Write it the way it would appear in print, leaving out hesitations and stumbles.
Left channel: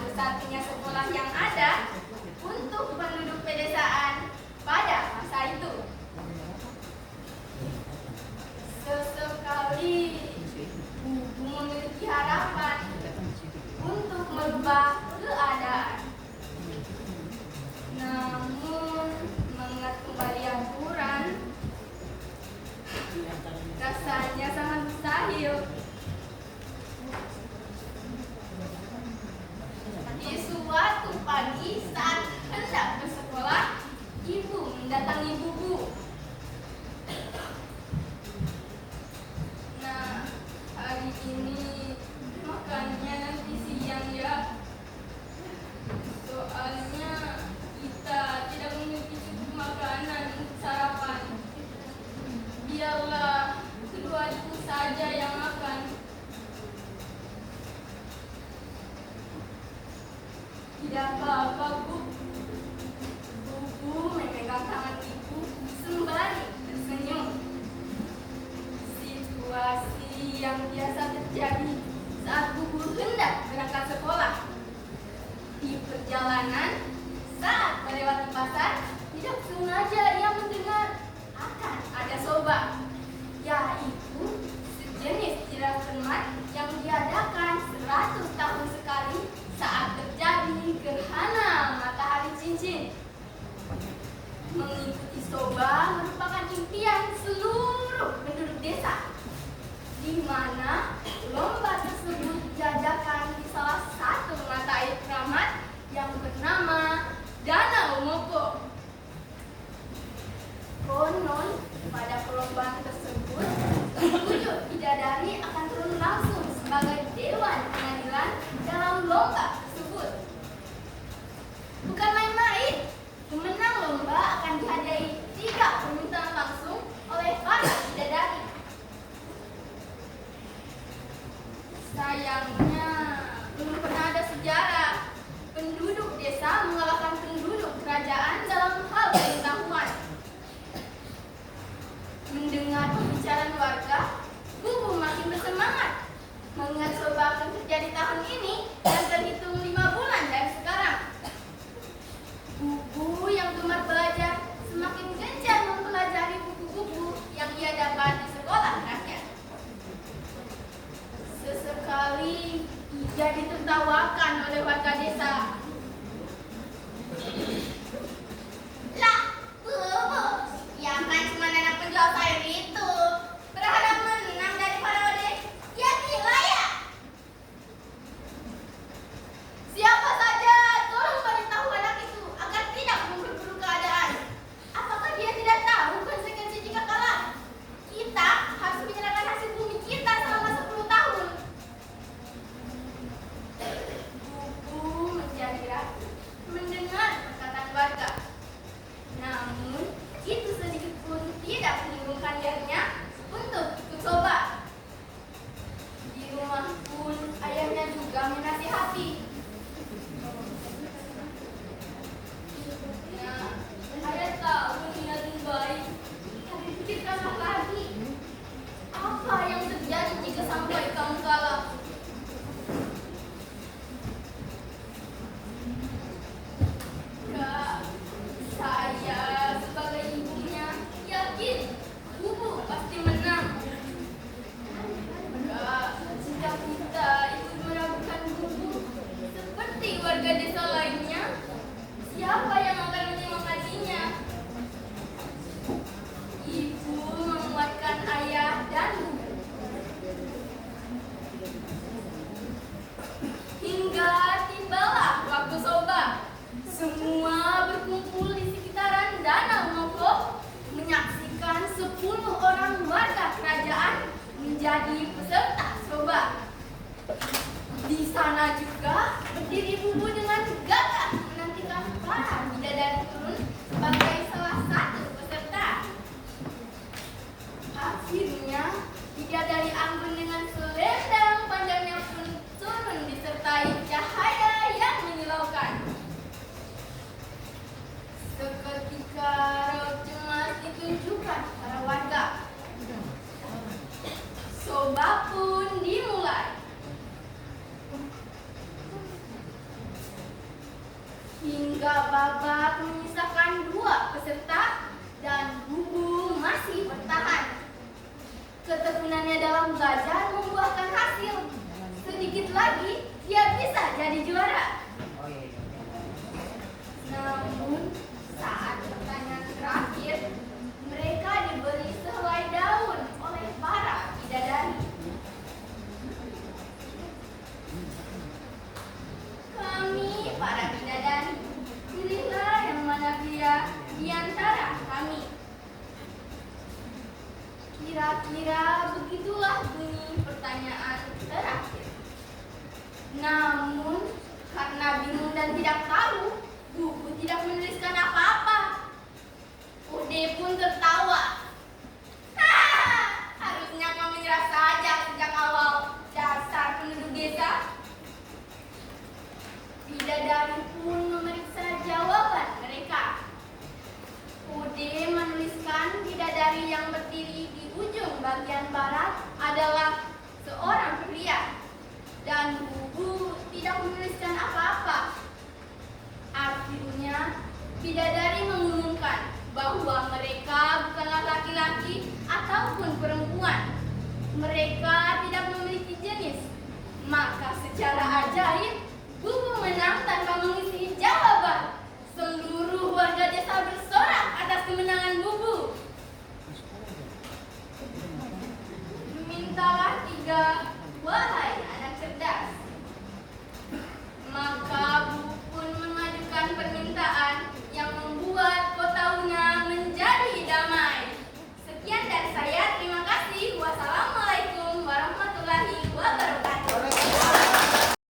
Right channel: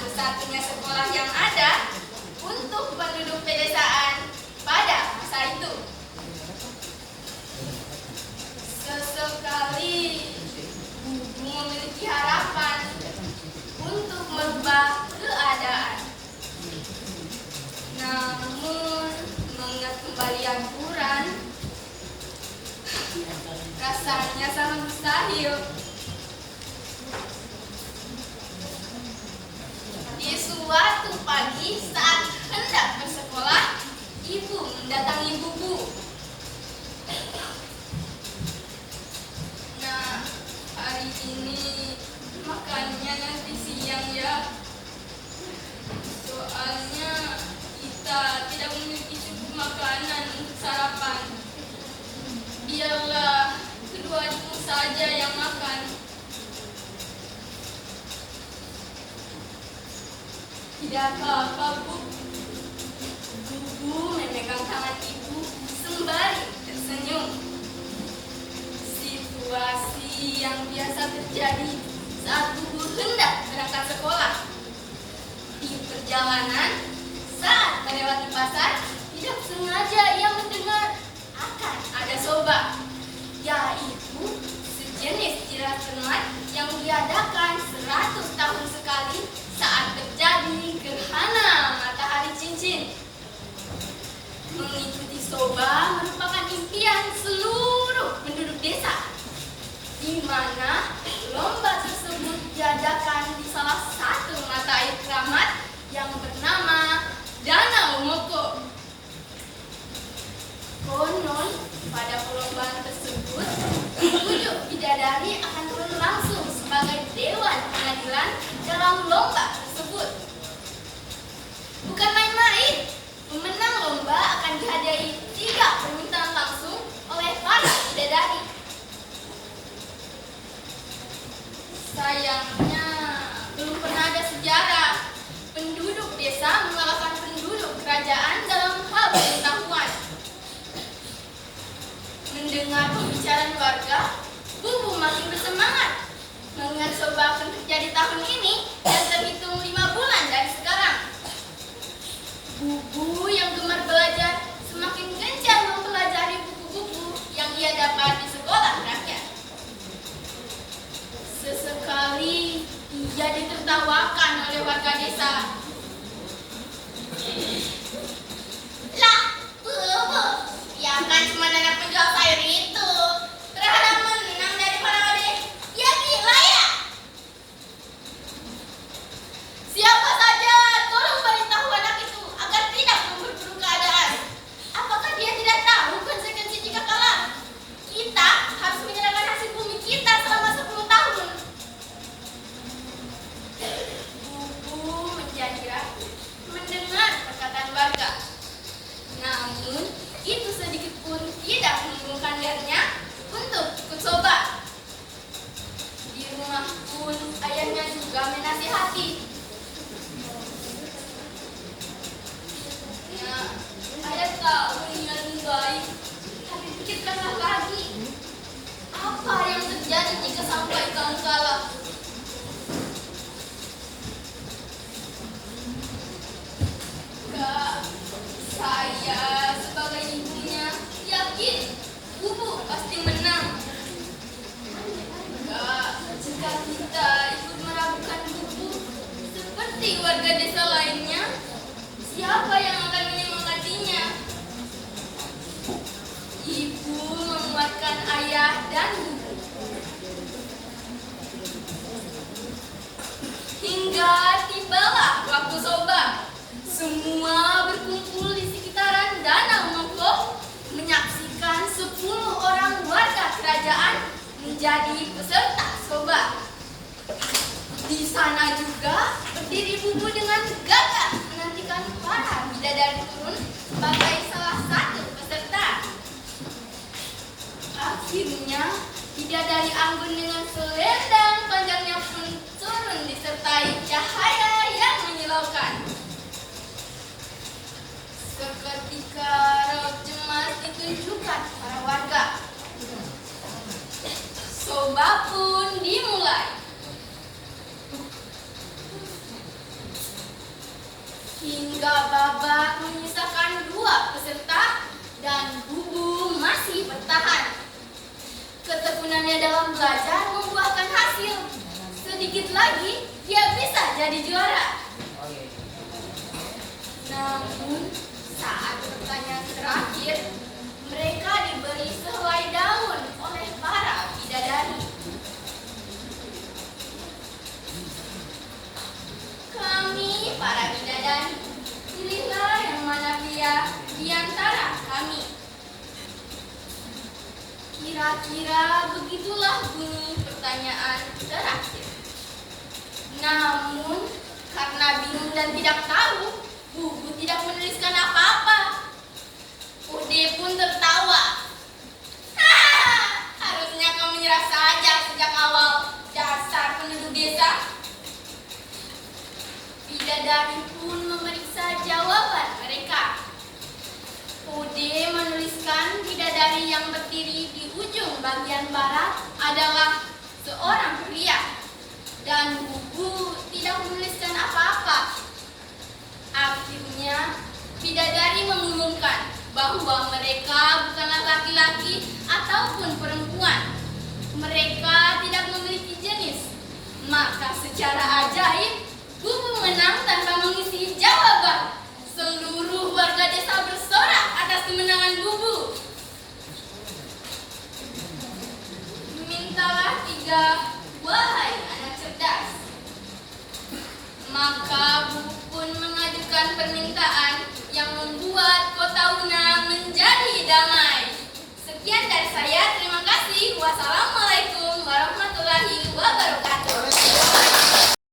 satu-satunya sekolah yang ada untuk penduduk pedesaan pada masa itu. Sesekali Bubu memiliki harapan untuk merubah keadaan. Namun mengingat kembali aturan, rasanya sangat mustahil. Di suatu pagi saat hendak bersekolah, ibu mendatangi Bubu. Nah, hari ini makannya nanti siang ya. Soalnya kita tidak memiliki cukup makanan untuk sarapan. Biarlah kedua adikmu saja yang makan. Tidak apa-apa, Bu. Bubu memegang tangan ibu sembari tersenyum. Situasi yang biasa terjadi saat Bubu hendak berangkat sekolah. Di perjalanan, saat melewati pasar, tidak sengaja ia mendengar akan ada soba, yaitu sejenis jirat cermat yang diadakan 100 tahun sekali saat terjadi gerhana matahari cincin. Mengikuti soba merupakan impian seluruh penduduk desa, di mana lomba tersebut diadakan di salah satu mata air keramat yang bernama Danau Moko. Konon pada perlombaan tersebut, 7 bidadari akan turun langsung sebagai dewan pengadilan dalam lomba tersebut. Bukan main-main, pemenang lomba akan dihadiahi 3 permintaan langsung oleh para bidadari. Sayangnya, belum pernah ada sejarah penduduk desa mengalahkan penduduk kerajaan dalam hal pengetahuan. Mendengar pembicaraan warga, Bubu makin bersemangat. Mengingat soba akan terjadi tahun ini dan terhitung 5 bulan dari sekarang. Bubu yang gemar belajar semakin gencar mempelajari buku-buku yang ia dapat di sekolah rakyat. Sesekali ia ditertawakan oleh warga desa. Lah, Bubu, ya kan cuma anak penjual sayur itu. Berharap menang dari para ya gila ya. Siapa saja tolong beritahu anak itu agar tidak memperburuk keadaan. Apakah dia tidak tahu konsekuensi jika kalah? Kita harus menyerahkan hasil bumi kita selama 10 tahun. Bubu menjadi ragu mendengar perkataan warga. Namun, itu sedikit pun tidak mengurungkan niatnya untuk ikut soba. Di rumah pun ayahnya juga menasihati. Nah, ayah tahu niatmu baik, tapi pikirkanlah lagi. Apa yang terjadi jika sampai kamu kalah? Kak, saya sebagai ibunya yakin Bubu pasti menang. Kak, jika kita ikut meragukan Bubu seperti warga desa lainnya, siapa yang akan menyemangatinya? Ibu menguatkan ayah dan Bubu. Hingga tibalah waktu soba. Semua berkumpul di sekitaran Danau Moko menyaksikan 10 orang warga kerajaan menjadi peserta soba. Di sana juga berdiri Bubu dengan gagah menantikan para bidadari turun sebagai salah satu peserta. Akhirnya, bidadari anggun dengan selendang panjangnya pun turun disertai cahaya yang menyilaukan. Seketika raut cemas ditunjukkan para warga. Soba pun dimulai. hingga babak menyisakan 2 peserta dan Bubu masih bertahan. Ketekunannya dalam belajar membuahkan hasil. Sedikit lagi dia bisa jadi juara. Namun saat pertanyaan terakhir, mereka diberi sehelai daun oleh para bidadari. Kami para bidadari, pilihlah yang mana pria di antara kami. Kira-kira begitulah bunyi pertanyaan terakhir. Namun, karena bingung dan tidak tahu, Bubu tidak menuliskan apa-apa. Ude pun tertawa. Harusnya kau menyerah saja sejak awal, dasar penduduk desa. Bidadari pun memeriksa jawaban mereka. Ude menuliskan bidadari yang berdiri di ujung bagian barat adalah seorang pria. Dan Bubu tidak menuliskan apa-apa. Akhirnya, bidadari mengumumkan bahwa mereka bukanlah laki-laki ataupun perempuan. Mereka tidak memiliki jenis. Maka secara ajaib, Bubu menang tanpa mengisi jawaban. Seluruh warga desa bersorak atas kemenangan Bubu. Mintalah 3, wahai anak cerdas. Maka Bubu pun mengajukan permintaan yang membuat kota Una menjadi damai. Sekian dari saya, terima kasih. Wassalamualaikum.